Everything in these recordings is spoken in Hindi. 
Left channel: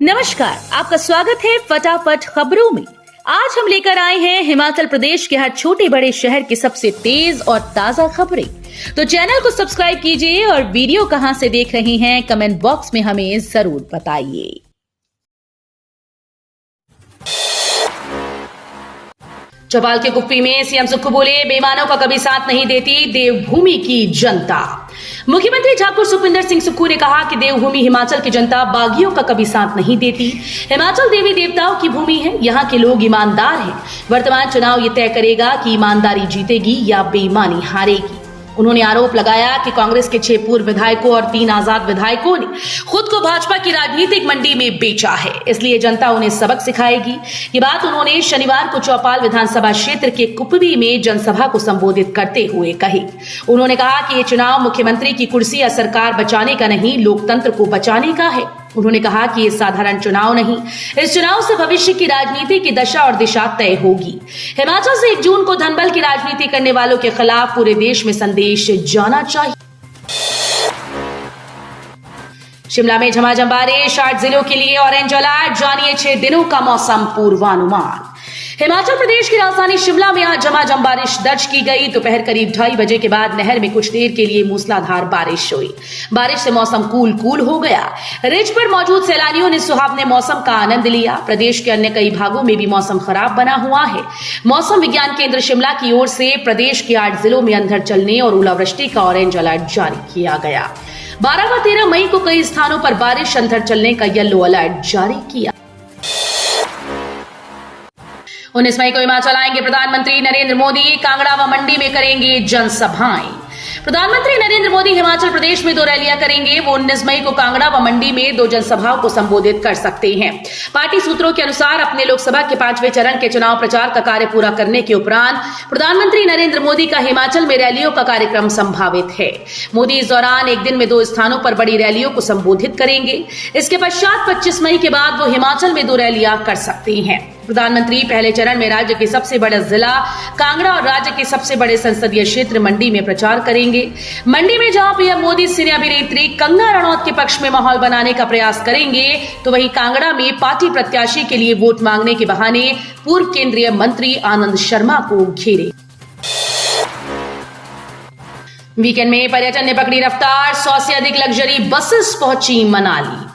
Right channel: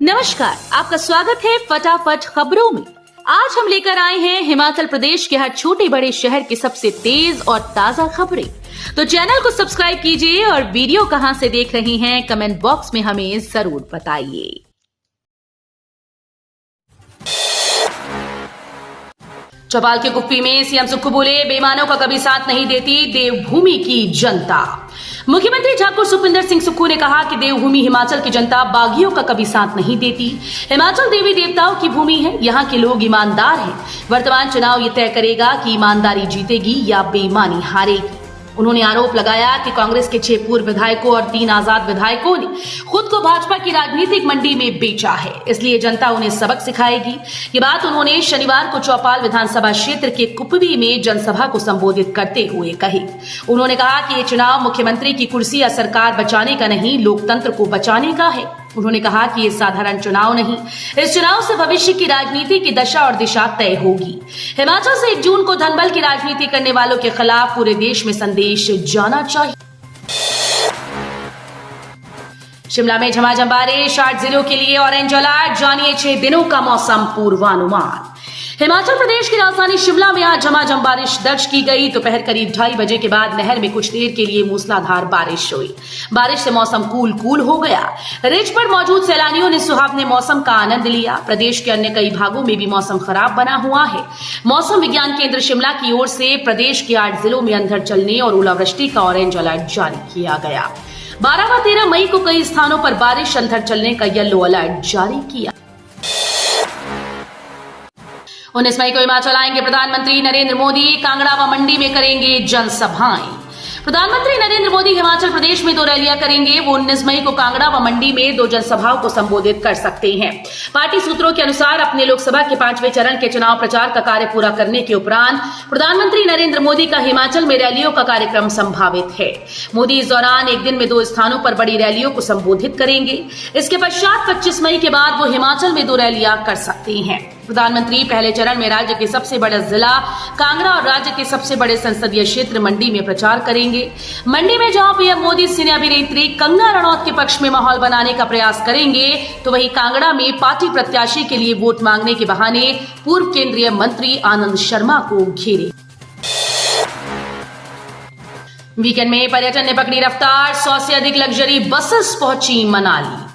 नमस्कार, आपका स्वागत है फटाफट खबरों में। आज हम लेकर आए हैं हिमाचल प्रदेश के हर छोटे बड़े शहर की सबसे तेज और ताजा खबरें। तो चैनल को सब्सक्राइब कीजिए और वीडियो कहां से देख रहे हैं कमेंट बॉक्स में हमें जरूर बताइए। चौपाल के कुप्पी में सीएम सुक्खू बोले, बेईमानों का कभी साथ नहीं देती देवभूमि की जनता। मुख्यमंत्री ठाकुर सुखविंदर सिंह सुक्खू ने कहा कि देवभूमि हिमाचल की जनता बागियों का कभी साथ नहीं देती। हिमाचल देवी देवताओं की भूमि है, यहाँ के लोग ईमानदार हैं। वर्तमान चुनाव ये तय करेगा कि ईमानदारी जीतेगी या बेईमानी हारेगी। उन्होंने आरोप लगाया कि कांग्रेस के 6 पूर्व विधायकों और 3 आजाद विधायकों ने खुद को भाजपा की राजनीतिक मंडी में बेचा है, इसलिए जनता उन्हें सबक सिखाएगी। ये बात उन्होंने शनिवार को चौपाल विधानसभा क्षेत्र के कुपवी में जनसभा को संबोधित करते हुए कही। उन्होंने कहा कि ये चुनाव मुख्यमंत्री की कुर्सी या सरकार बचाने का नहीं, लोकतंत्र को बचाने का है। उन्होंने कहा कि ये साधारण चुनाव नहीं, इस चुनाव से भविष्य की राजनीति की दशा और दिशा तय होगी। हिमाचल से 1 जून को धनबल की राजनीति करने वालों के खिलाफ पूरे देश में संदेश जाना चाहिए। शिमला में झमाझम बारिश, 8 जिलों के लिए ऑरेंज अलर्ट। जानिए 6 दिनों का मौसम पूर्वानुमान। हिमाचल प्रदेश की राजधानी शिमला में आज झमाझम बारिश दर्ज की गई। दोपहर करीब 2:30 बजे के बाद नहर में कुछ देर के लिए मूसलाधार बारिश हुई। बारिश से मौसम कूल हो गया। रिज पर मौजूद सैलानियों ने सुहावने मौसम का आनंद लिया। प्रदेश के अन्य कई भागों में भी मौसम खराब बना हुआ है। मौसम विज्ञान केंद्र शिमला की ओर से प्रदेश के 8 जिलों में अंधड़ चलने और ओलावृष्टि का ऑरेंज अलर्ट जारी किया गया। 12 व 13 मई को कई स्थानों पर बारिश, अंधड़ चलने का येलो अलर्ट जारी किया। 19 मई को हिमाचल आएंगे प्रधानमंत्री नरेंद्र मोदी। कांगड़ा व मंडी में करेंगे जनसभाएं। प्रधानमंत्री नरेंद्र मोदी हिमाचल प्रदेश में 2 रैलियां करेंगे। वो 19 मई को कांगड़ा व मंडी में 2 जनसभाओं को संबोधित कर सकते हैं। पार्टी सूत्रों के अनुसार अपने लोकसभा के 5वें चरण के चुनाव प्रचार का कार्य पूरा करने के उपरांत प्रधानमंत्री नरेंद्र मोदी का हिमाचल में रैलियों का कार्यक्रम संभावित है। मोदी इस दौरान एक दिन में 2 स्थानों पर बड़ी रैलियों को संबोधित करेंगे। इसके पश्चात 25 मई के बाद वो हिमाचल में 2 रैलियां कर सकते हैं। प्रधानमंत्री पहले चरण में राज्य के सबसे बड़ा जिला कांगड़ा और राज्य के सबसे बड़े संसदीय क्षेत्र मंडी में प्रचार करेंगे। मंडी में जहां पीएम मोदी सिने अभिनेत्री कंगना रनौत के पक्ष में माहौल बनाने का प्रयास करेंगे, तो वहीं कांगड़ा में पार्टी प्रत्याशी के लिए वोट मांगने के बहाने पूर्व केंद्रीय मंत्री आनंद शर्मा को घेरे। वीकेंड में पर्यटन ने पकड़ी रफ्तार। 100 से अधिक लग्जरी बसेस पहुंची मनाली।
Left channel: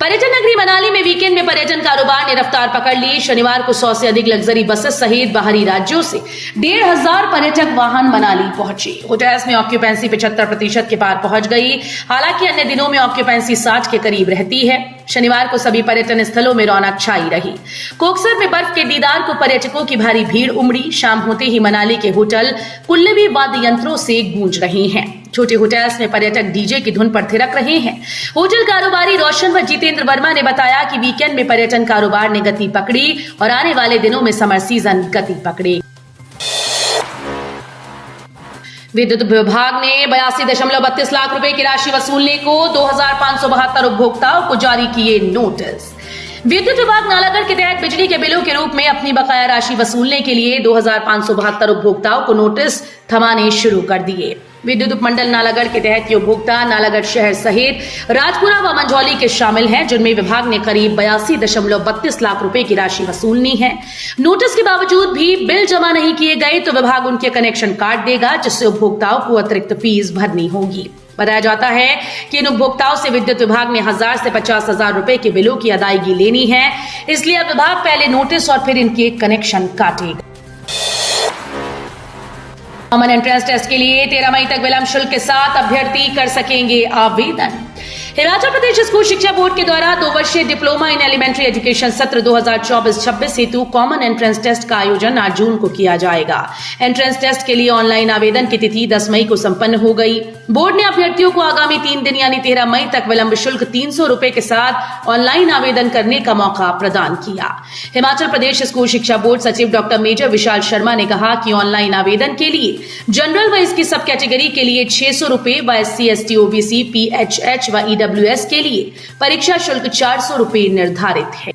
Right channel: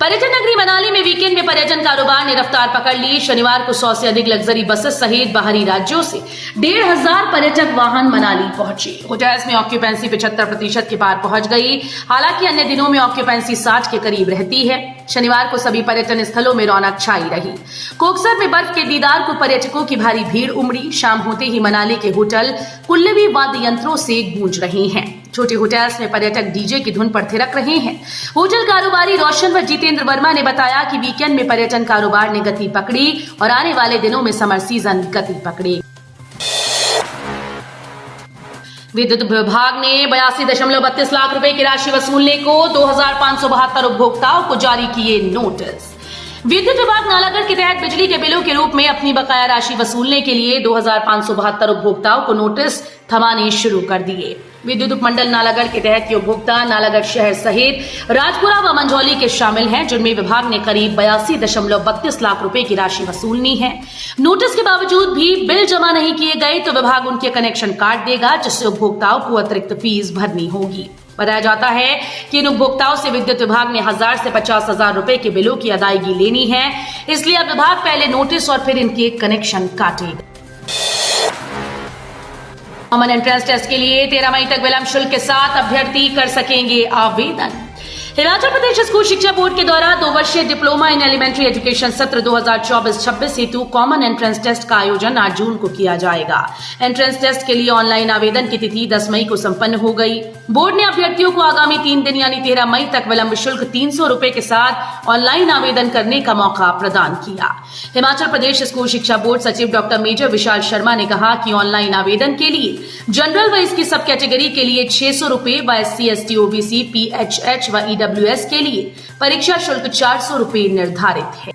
पर्यटन नगरी मनाली में वीकेंड में पर्यटन कारोबार ने रफ्तार पकड़ ली। शनिवार को 100 से अधिक लग्जरी बसेस सहित बाहरी राज्यों से 1,500 पर्यटक वाहन मनाली पहुंचे। होटल्स में ऑक्यूपेंसी 75% के पार पहुंच गई। हालांकि अन्य दिनों में ऑक्यूपेंसी 60 के करीब रहती है। शनिवार को सभी पर्यटन स्थलों में रौनक छाई रही। कोकसर में बर्फ के दीदार को पर्यटकों की भारी भीड़ उमड़ी। शाम होते ही मनाली के होटल कुल्लवी वाद्य यंत्रों से गूंज रहे हैं। छोटे होटल्स में पर्यटक डीजे की धुन पर थिरक रहे हैं। होटल कारोबारी रोशन व जितेंद्र वर्मा ने बताया कि वीकेंड में पर्यटन कारोबार ने गति पकड़ी और आने वाले दिनों में समर सीजन गति पकड़े। विद्युत विभाग ने 82.32 लाख रुपए की राशि वसूलने को 2,572 उपभोक्ताओं को जारी किए नोटिस। विद्युत विभाग नालागढ़ के तहत बिजली के बिलों के रूप में अपनी बकाया राशि वसूलने के लिए 2,572 उपभोक्ताओं को नोटिस थमाने शुरू कर दिए। विद्युत उपमंडल नालागढ़ के तहत के उपभोक्ता नालागढ़ शहर सहित राजपुरा व मंझौली के शामिल हैं, जिनमें विभाग ने करीब 82.32 लाख रुपए की राशि वसूलनी है। नोटिस के बावजूद भी बिल जमा नहीं किए गए तो विभाग उनके कनेक्शन काट देगा, जिससे उपभोक्ताओं को अतिरिक्त फीस भरनी होगी। बताया जाता है कि इन उपभोक्ताओं से विद्युत विभाग ने 1,000 से 50,000 रुपए के बिलों की अदायगी लेनी है, इसलिए अब विभाग पहले नोटिस और फिर इनके कनेक्शन काटेगा। कॉमन एंट्रेंस टेस्ट के लिए 13 मई तक विलंब शुल्क के साथ अभ्यर्थी कर सकेंगे आवेदन। हिमाचल प्रदेश स्कूल शिक्षा बोर्ड के द्वारा 2 वर्षीय डिप्लोमा इन एलिमेंट्री एजुकेशन सत्र 2024-26 हेतु कॉमन एंट्रेंस टेस्ट का आयोजन 8 जून को किया जाएगा। एंट्रेंस टेस्ट के लिए ऑनलाइन आवेदन की तिथि 10 मई को संपन्न हो गई। बोर्ड ने अभ्यर्थियों को आगामी 3 दिन यानी 13 मई तक विलंब शुल्क 300 रुपए के साथ ऑनलाइन आवेदन करने का मौका प्रदान किया। हिमाचल प्रदेश स्कूल शिक्षा बोर्ड सचिव डॉक्टर मेजर विशाल शर्मा ने कहा कि ऑनलाइन आवेदन के लिए जनरल व इसकी सब कैटेगरी के लिए 600 रुपए व SC, ST, OBC, PHH व EWS के लिए परीक्षा शुल्क 400 रुपए निर्धारित है।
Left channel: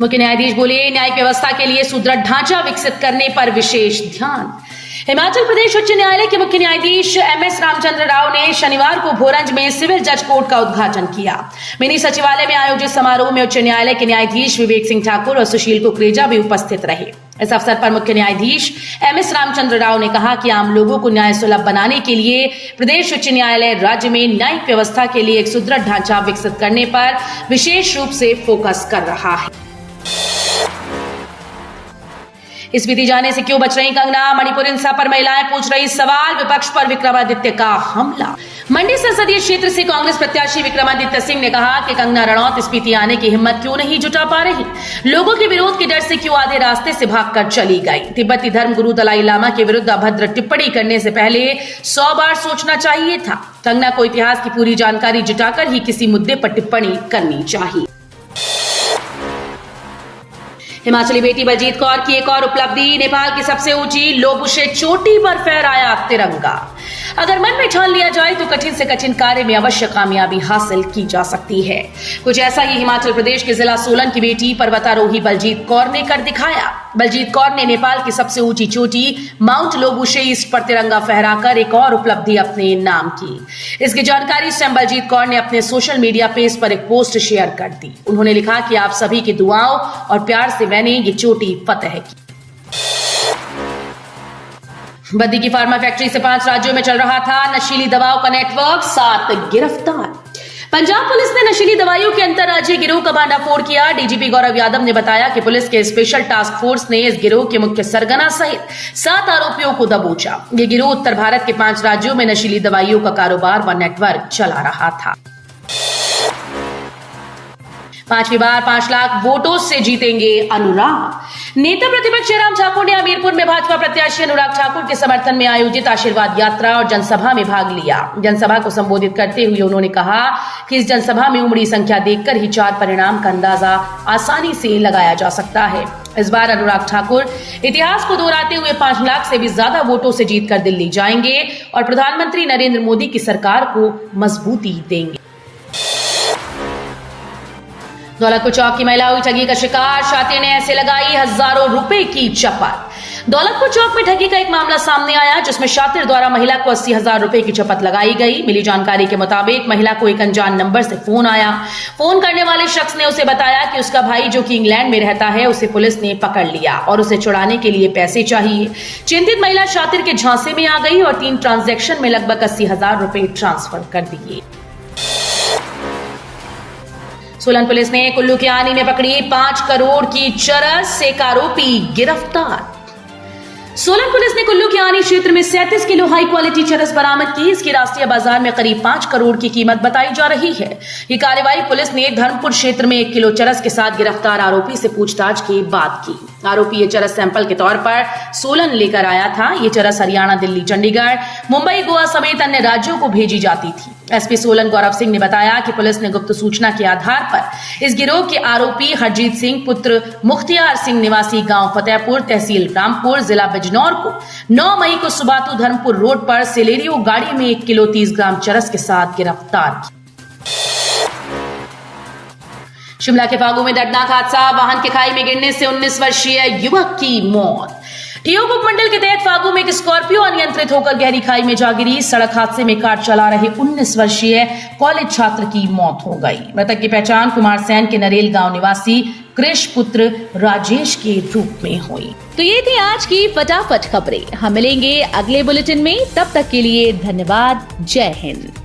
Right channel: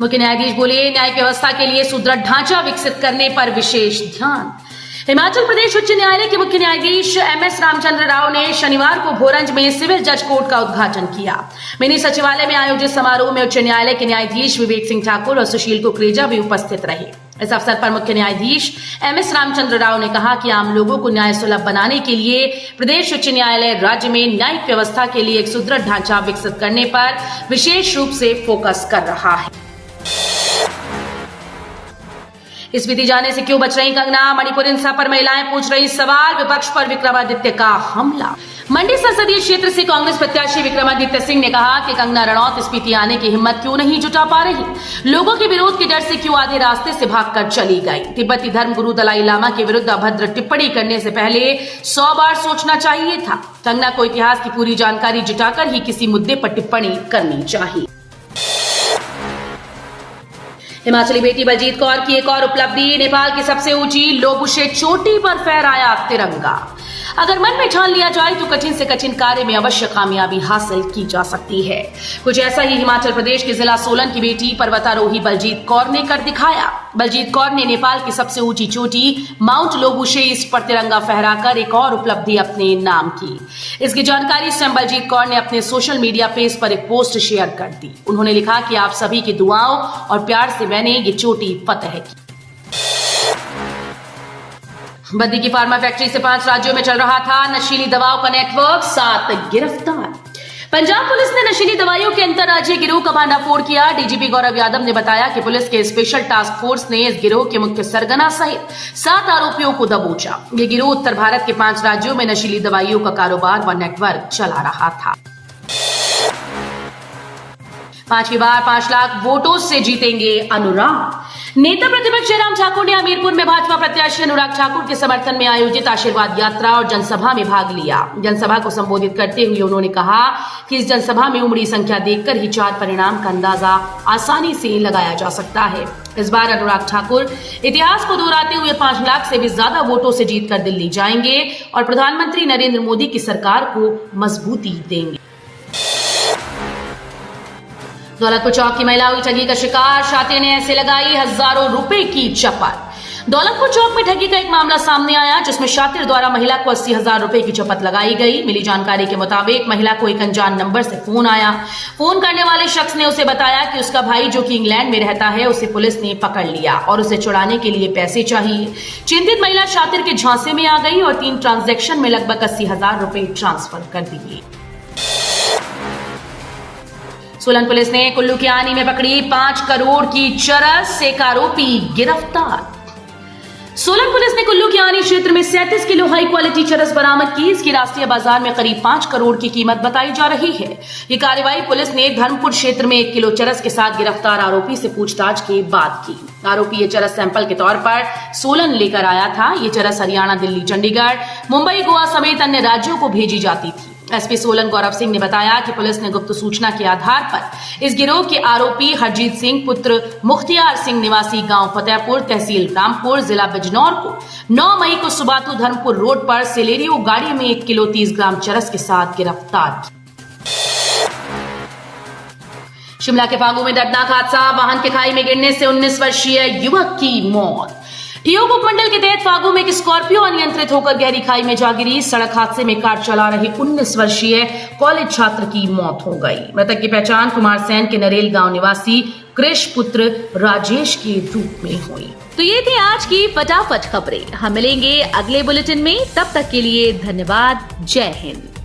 मुख्य न्यायाधीश बोले, न्यायिक व्यवस्था के लिए सुदृढ़ ढांचा विकसित करने पर विशेष ध्यान। हिमाचल प्रदेश उच्च न्यायालय के मुख्य न्यायाधीश एमएस रामचंद्र राव ने शनिवार को भोरंज में सिविल जज कोर्ट का उद्घाटन किया। मिनी सचिवालय में आयोजित समारोह में उच्च न्यायालय के न्यायाधीश विवेक सिंह ठाकुर और सुशील कुकरेजा भी उपस्थित रहे। इस अवसर पर मुख्य न्यायाधीश एमएस रामचंद्र राव ने कहा कि आम लोगों को न्याय सुलभ बनाने के लिए प्रदेश उच्च न्यायालय राज्य में न्यायिक व्यवस्था के लिए एक सुदृढ़ ढांचा विकसित करने पर विशेष रूप से फोकस कर रहा है। इस बीती जाने से क्यों बच रही कंगना? मणिपुर हिंसा पर महिलाएं पूछ रही सवाल, विपक्ष पर विक्रमादित्य का हमला। मंडी संसदीय क्षेत्र से कांग्रेस प्रत्याशी विक्रमादित्य सिंह ने कहा कि कंगना रणौत स्पीति आने की हिम्मत क्यों नहीं जुटा पा रही, लोगों के विरोध के डर से क्यों आधे रास्ते से भागकर चली गई। तिब्बती धर्मगुरु दलाई लामा के विरुद्ध अभद्र टिप्पणी करने से पहले 100 बार सोचना चाहिए था। कंगना को इतिहास की पूरी जानकारी जुटाकर ही किसी मुद्दे पर टिप्पणी करनी चाहिए। हिमाचली बेटी बलजीत कौर की एक और उपलब्धि, नेपाल की सबसे ऊंची लोबुशे चोटी पर फहराया तिरंगा। अगर मन में ठान लिया जाए तो कठिन से कठिन कार्य में अवश्य कामयाबी हासिल की जा सकती है। कुछ ऐसा ही हिमाचल प्रदेश के जिला सोलन की बेटी पर्वतारोही बलजीत कौर ने कर दिखाया। बलजीत कौर ने नेपाल की सबसे ऊंची चोटी माउंट लोबुशे ईस्ट पर तिरंगा फहराकर एक और उपलब्धि अपने नाम की। इसकी जानकारी स्वयं बलजीत कौर ने अपने सोशल मीडिया पेज पर एक पोस्ट शेयर कर दी। उन्होंने लिखा कि आप सभी की दुआओं और प्यार से मैंने ये चोटी फतह की। बद्दी की फार्मा फैक्ट्री से 5 राज्यों में चल रहा था नशीली दवाओं का नेटवर्क, 7 गिरफ्तार। पंजाब पुलिस ने नशीली दवाइयों के अंतरराज्यीय गिरोह का भांडाफोड़ किया। डीजीपी गौरव यादव ने बताया कि पुलिस के स्पेशल टास्क फोर्स ने इस गिरोह के मुख्य सरगना सहित 7 आरोपियों को दबोचा। ये गिरोह उत्तर भारत के 5 राज्यों में नशीली दवाइयों का कारोबार व नेटवर्क चला रहा था। 5वीं बार 5 लाख वोटों से जीतेंगे अनुराग। नेता प्रतिपक्ष जयराम ठाकुर ने हमीरपुर में भाजपा प्रत्याशी अनुराग ठाकुर के समर्थन में आयोजित आशीर्वाद यात्रा और जनसभा में भाग लिया। जनसभा को संबोधित करते हुए उन्होंने कहा कि इस जनसभा में उमड़ी संख्या देखकर ही 4 परिणाम का अंदाजा आसानी से लगाया जा सकता है। इस बार अनुराग ठाकुर इतिहास को दोहराते हुए 5 लाख से भी ज्यादा वोटों से जीतकर दिल्ली जाएंगे और प्रधानमंत्री नरेंद्र मोदी की सरकार को मजबूती देंगे। दौलतपुर चौक की महिला हुई ठगी का शिकार, शातिर ने ऐसे लगाई हजारों रुपए की चपत। दौलतपुर चौक में ठगी का एक मामला सामने आया जिसमें शातिर द्वारा महिला को 80,000 रुपए की चपत लगाई गई। मिली जानकारी के मुताबिक महिला को एक अनजान नंबर से फोन आया। फोन करने वाले शख्स ने उसे बताया कि उसका भाई जो कि इंग्लैंड में रहता है उसे पुलिस ने पकड़ लिया और उसे छुड़ाने के लिए पैसे चाहिए। चिंतित महिला शातिर के झांसे में आ गई और 3 ट्रांजैक्शन में लगभग 80,000 रुपए ट्रांसफर कर दिए। सोलन पुलिस ने कुल्लू के आनी में पकड़ी 5 करोड़ की चरस, एक आरोपी गिरफ्तार। सोलन पुलिस ने कुल्लू के आनी क्षेत्र में 37 किलो हाई क्वालिटी चरस बरामद की। इसकी राष्ट्रीय बाजार में करीब 5 करोड़ की कीमत बताई जा रही है। ये कार्रवाई पुलिस ने धर्मपुर क्षेत्र में 1 किलो चरस के साथ गिरफ्तार आरोपी से पूछताछ के बाद की। आरोपी ये चरस सैंपल के तौर पर सोलन लेकर आया था। ये चरस हरियाणा, दिल्ली, चंडीगढ़, मुंबई, गोवा समेत अन्य राज्यों को भेजी जाती थी। एसपी सोलन गौरव सिंह ने बताया कि पुलिस ने गुप्त सूचना के आधार पर इस गिरोह के आरोपी हरजीत सिंह पुत्र मुख्तियार सिंह निवासी गांव फतेहपुर, तहसील रामपुर, जिला बिजनौर को 9 मई को सुबातू धर्मपुर रोड पर सिलेरियो गाड़ी में 1 किलो 30 ग्राम चरस के साथ गिरफ्तार किया। शिमला के फागू में दर्दनाक हादसा, वाहन के खाई में गिरने से 19 वर्षीय युवक की मौत। ठियोग उपमंडल के तहत फागू में एक स्कॉर्पियो अनियंत्रित होकर गहरी खाई में जा गिरी। सड़क हादसे में कार चला रहे 19 वर्षीय कॉलेज छात्र की मौत हो गई। मृतक की पहचान कुमार सैन के नरेल गांव निवासी कृष पुत्र राजेश के रूप में हुई। तो ये थी आज की फटाफट खबरें। हम मिलेंगे अगले बुलेटिन में, तब तक के लिए धन्यवाद। जय हिंद।